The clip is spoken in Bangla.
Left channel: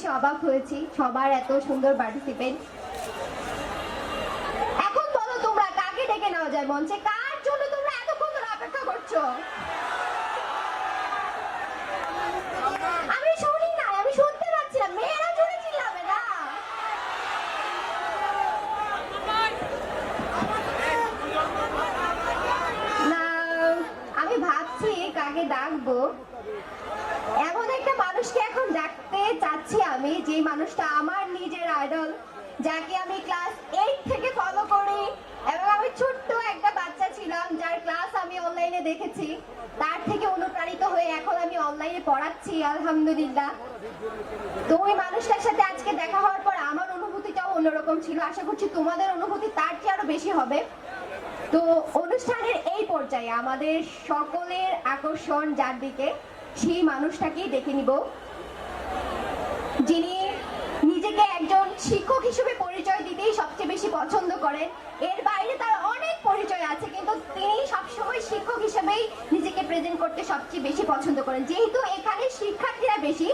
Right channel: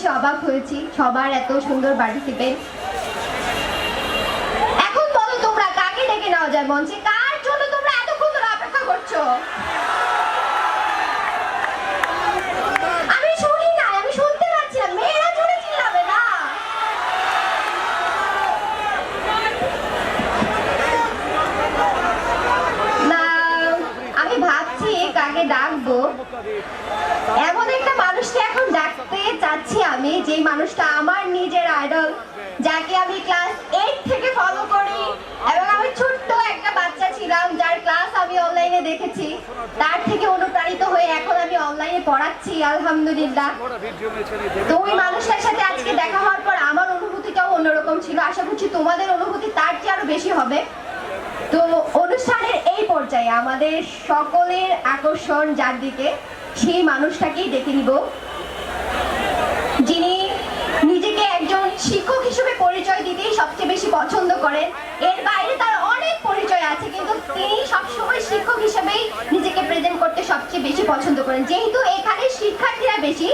এসে অবাক হয়েছি সবার এত সুন্দর পার্টিসিপেন্ট। এখন বলো তোমরা কাকে ডেকে নেওয়া যায় মঞ্চে, কার জন্য তোমরা এতক্ষণ ধরে অপেক্ষা করছো? আমি শুনি না, আমি শুনতে পাচ্ছি না, মেয়েরা জোরে চিল্লাবে না। না আমি ভাবছি কাকে ডাকবো। এমন একটা মানুষকে এখন ডাকতে চাচ্ছি আমি, যে মানুষটা আমার নিজের আইডল, যাকে আমি ক্লাস 8 থেকে ফলো করি এবং আমি ছোট্ট একটা বাচ্চা ছিলাম যার ক্লাস আমি অনলাইনে দেখেছি, তার থেকে অনুপ্রাণিত হয়ে এখন আমি অনলাইনে পড়াচ্ছি আলহামদুলিল্লাহ। তো ওই মানুষটার সাথে আজকে দেখা হওয়ার পর আমার অনুভূতিটাও অন্যরকম ছিল, আশা করছি তোমাদের অনুভূতি তার চেয়ে আরো বেশি হবে। তো অনুষ্ঠানের এই পর্যায়ে আমাদের সকলের আকর্ষণ যার দিকে, সেই মানুষটাকেই ডেকে নিব, যিনি নিজেকে একজন শিক্ষক হিসেবে পরিচয় দিতেই সবচেয়ে বেশি পছন্দ করেন। এর বাইরে তার অনেক পরিচয় আছে, কিন্তু তিনি সবসময় শিক্ষক হিসেবেই নিজেকে প্রেজেন্ট করতে সবচেয়ে বেশি পছন্দ করেন। যেহেতু এখানে শিক্ষার্থীরা বেশি,